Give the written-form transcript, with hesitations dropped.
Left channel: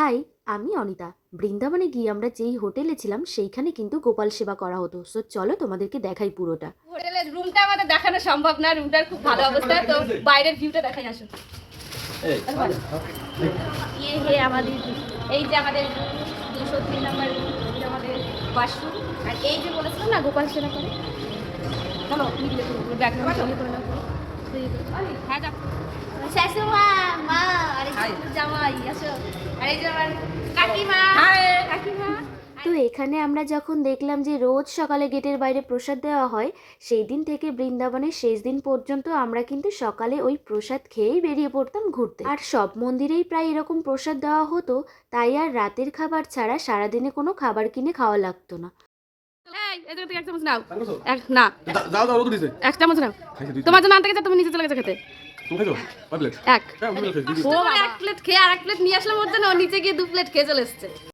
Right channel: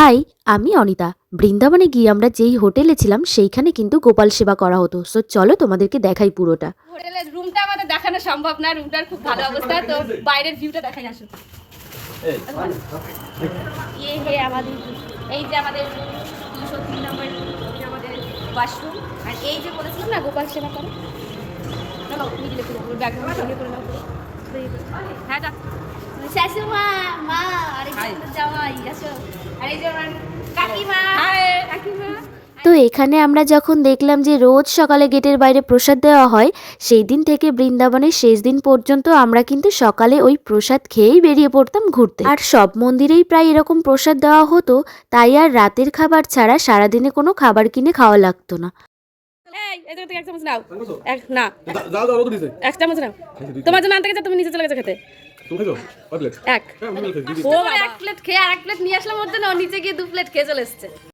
High, আমি অনিতা। বৃন্দাবনে গিয়ে আমরা যেই হোটেলে ছিলাম সেইখানে কিন্তু গোপাল সেবা করা হতো। সো চলো তোমাদেরকে দেখাই পুরোটা। হোটেলের রুমটা আমাদের দেখানো সম্ভব না, রুমটার খুব ভালো অবস্থা, তো বাইরের ভিউটা দেখাই আসুন। এই হে আমাদের, এই যে আমাদের 203 নম্বর আমাদের ওয়াশরুম, আর এই যে বলেছিলাম না গোপাল সেবা করে, চলো মিডিলে করে ব্যাকগ্রাউন্ড তৈরি করে নাও। হ্যাঁ যা শাশুমা, মা, আর এই যে জামাই আসো, আর এই যে আমার কাকিমা, কাকিমা। তো এখানে আমরা যখন দেখলাম যে রোজ সকালে গেটের বাইরে প্রসাদ দেওয়া হয়, সেই দিন থেকে বৃন্দাবনের শেষ দিন পর্যন্ত আমরা কিন্তু সকালে ওই প্রসাদ খেয়েই বেরিয়ে পড়তাম ঘুরতে। আর সব মন্দিরেই প্রায় এরকম প্রসাদ দেওয়া হতো, তাই আর রাতের খাবার ছাড়া সারাদিনে কোনো খাবার কিনে খাওয়া লাগতো না। এই জায়গা থেকে এক চামচ নাও। না এক চামচ নাও, তোমার জন্য আনতে গেছে, তুমি নিচে চলে গেছো খেতে। এক প্লেট খেয়ে আর এক প্লেট নিয়ে আসলাম ওর জন্য, ও নিচে গিয়ে 2 প্লেট খেয়ে চলে এসছে।